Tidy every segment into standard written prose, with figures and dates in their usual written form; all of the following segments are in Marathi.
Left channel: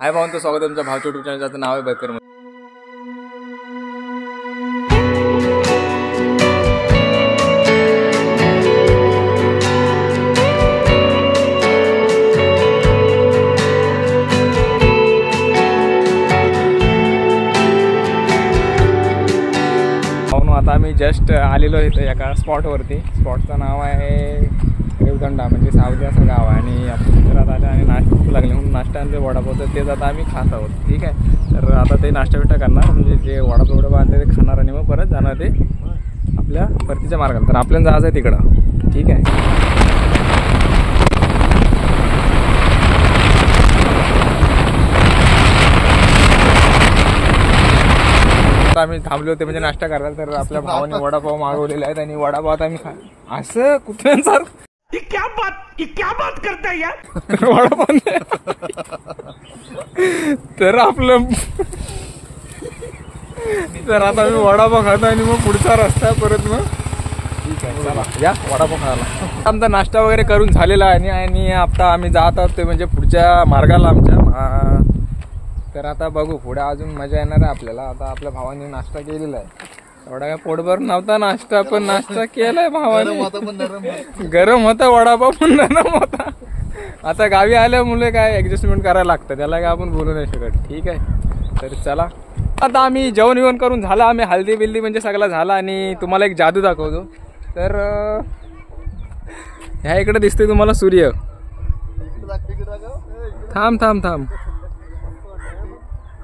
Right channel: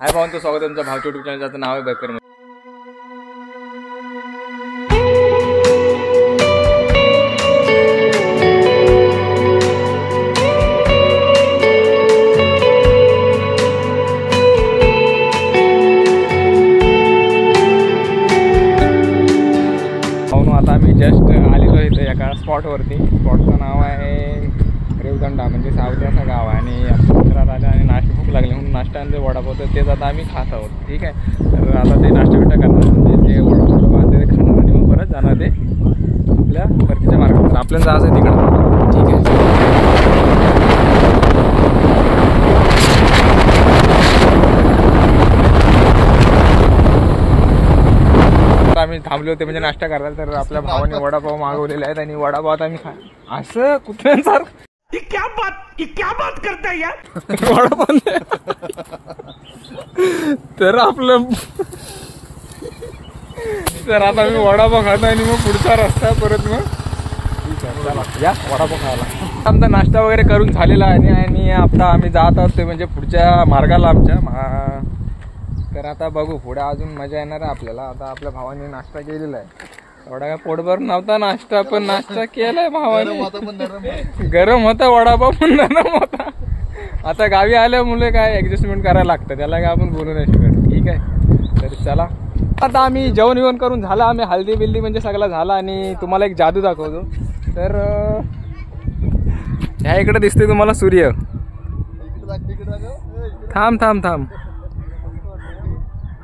हाय भावांचं स्वागत आहे तुमच्या भावच्या यूट्यूब चॅनल. ज्याचं नाव आहे बायकर. आता आम्ही जस्ट आलेलो इथं एका स्पॉटवरती. स्पॉटचं नाव आहे रेवदंडा, म्हणजे सावली असं गाव आहे. आणि आपण मंदिरात आले आणि नाश्ता भूक लागले म्हणून नाश्ता आणले वडापाव, तर तेच आता आम्ही खात आहोत. ठीक आहे, तर आता ते नाश्ता बिष्टा करणार, म्हणजे ते वडापाव आणते ते खाणार आणि मग परत जाणार ते आपल्या परतीच्या मार्गात. तर आपल्याला जायचं आहे तिकडं. ठीक आहे, आम्ही थांबले होते म्हणजे नाश्ता करायला. तर आपल्या भावाने वडापाव मागवलेले आहेत आणि वडापाव आता आम्ही असं कुठल्यासारखं क्या बात करता यार वडापाव. तर आपलं तर आता आम्ही वडापाव खातो आणि मग पुढचा रस्ता परत. मग ठीक आहे, चला या वडापाव खायला. आमचा नाश्ता वगैरे करून झालेला आहे आणि आता आम्ही जात आहोत ते म्हणजे पुढच्या मार्गाला आमच्या. तर आता बघू पुढे अजून मजा येणार आहे आपल्याला. आता आपल्या भावाने नाश्ता केलेला आहे. एवढा काय पोटभर नव्हता नाश्ता, पण नाश्ता केलाय भावाने. गरम होता वडापाव पण नरम होता. आता गावी आल्यामुळे काय ऍडजस्टमेंट करायला लागतं, त्याला काय आपण बोलू नाही शकत. ठीक आहे, तर चला आता आम्ही जेवण विवण करून झालं. आम्ही हल्दी बिल्दी म्हणजे सगळं झालं आणि तुम्हाला एक जादू दाखवतो. तर ह्या इकडे दिसते तुम्हाला सूर्य. थांब थांब थांब,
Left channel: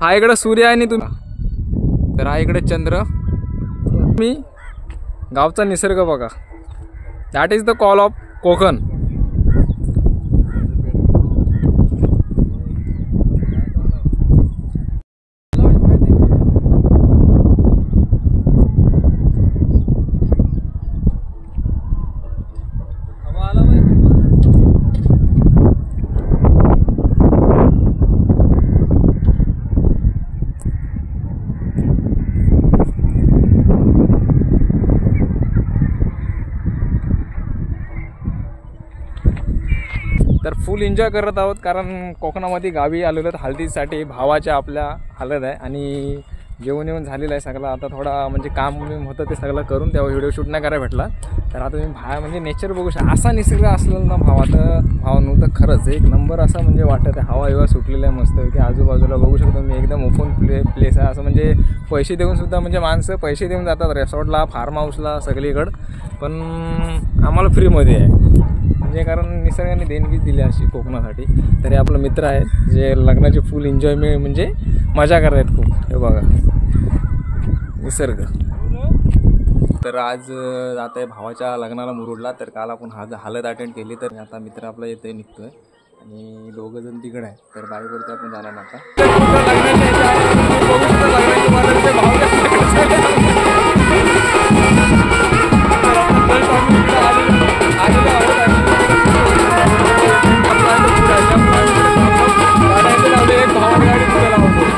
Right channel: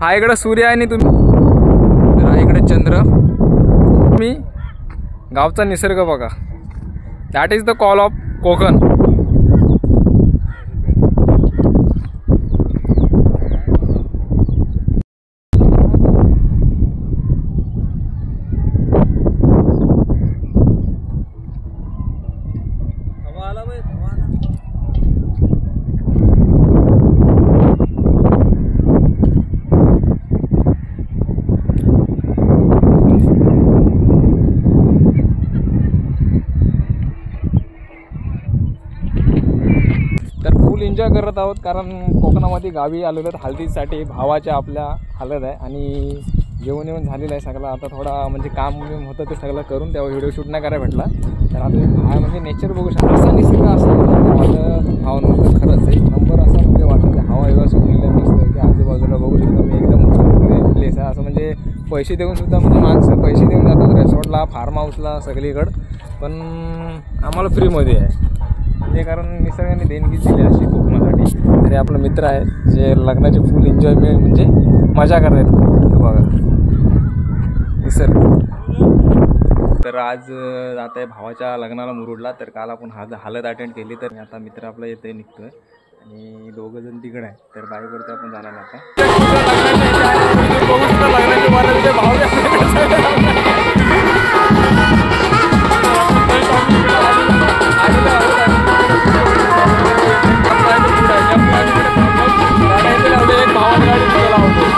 हा इकडे सूर्य आहे आणि तुम्ही, तर हा इकडे चंद्र. मी गावचा निसर्ग बघा. That is the call of Konkan. तर फुल एन्जॉय करत आहोत, कारण कोकणामध्ये गावी आलेलो आहेत हळदीसाठी. भावाच्या आपल्या हळद आहे आणि जेवण येऊन झालेलं आहे सगळं. आता थोडा म्हणजे काम होतं ते सगळं करून तेव्हा व्हिडिओ शूट नाही करायला भेटला. तर आता तुम्ही म्हणजे नेचर बघू शकता. असा निसर्ग असतो भावानं खरंच एक नंबर असा म्हणजे वाटत आहे. हवा हिवा सुटलेला आहे मस्त की आजूबाजूला बघू शकतो मी. एकदम ओपन प्लेस आहे असं, म्हणजे पैसे देऊन सुद्धा म्हणजे माणसं पैसे देऊन जातात रिसॉर्टला, फार्म हाऊसला सगळीकडं, पण आम्हाला फ्रीमध्ये आहे. म्हणजे कारण निसर्गाने देणगीच दिली अशी कोकणासाठी. तरी आपला मित्र आहे जे लग्नाचे फुल एन्जॉय म्हणजे मजा करत. हे बघा निसर्ग. तर आज जात आहे भावाच्या लग्नाला मुरुडला. तर काल आपण हळद अटेंड केली. तर आता मित्र आपला येतोय निघतोय आणि दोघं जण तिकडे आहे. तर बाईकवरती आपण जाणार आता. भावाने गाडी सुद्धा लावतो.